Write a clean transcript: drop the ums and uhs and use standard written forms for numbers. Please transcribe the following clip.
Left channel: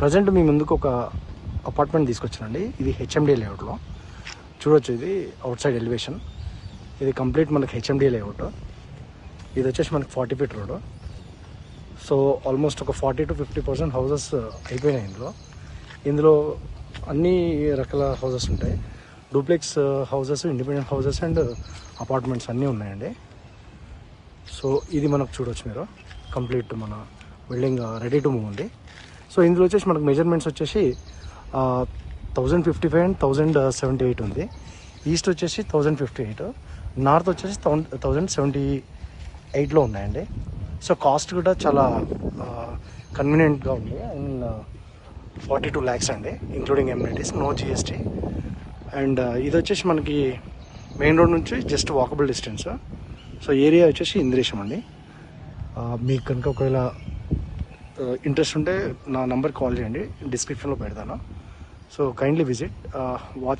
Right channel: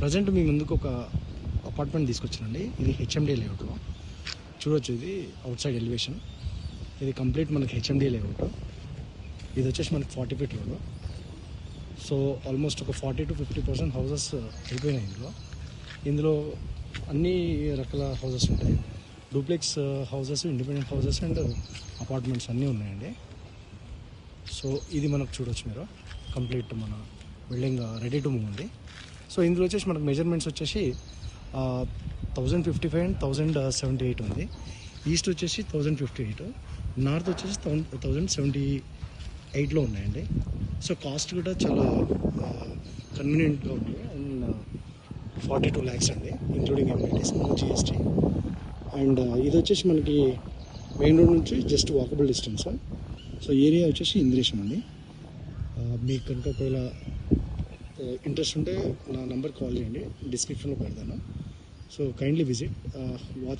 Present మీ ముందుకు ఒక apartment తీసుకొచ్చానండి. ఇది హెచ్ఎండి లేఅవుట్లో చూడొచ్చు. ఇది అవుట్ సైడ్ ఎలివేషన్. ఇది కంప్లీట్ మనకి హెచ్ఎండి లేఅవుట్. ఇది వచ్చేసి మనకి 40 ఫీట్ రోడ్. సో ఆల్మోస్ట్ ఒక 40 to 50% హౌసెస్ అయిపోయినాయి. ఇందులో అన్ని రకాల హౌసెస్ ఉంటాయి. Duplex houses, independent houses and apartments అన్నీ ఉన్నాయండి. సో ఇది మనకు చూడొచ్చు మీరు. కంప్లీట్ మన బిల్డింగ్ రెడీ టు మూవ్ ఉంది. సో ఇందులో వచ్చేసి మనకు మెజర్మెంట్స్ వచ్చేసి 1055 అండ్ 1078 ఉంది. ఈస్ట్ వచ్చేసి 1058, నార్త్ వచ్చేసి 1078లో ఉన్నాయండి. సో కాస్ట్ కూడా చాలా కన్వీనియంట్గా ఉంది. అండ్ 42 lakhs అండి, including amenities, no GST. And ఇది వచ్చేసి మనకి మెయిన్ రోడ్ నుంచి just walkable distance. So area వచ్చేసి ఇంద్రేశం అండి. మీకు కనుక ఒకవేళ ఇంట్రెస్ట్ ఉంటే నా నంబర్ కాల్ చేయండి, డిస్క్రిప్షన్లో పెడతాను. So kindly visit, watch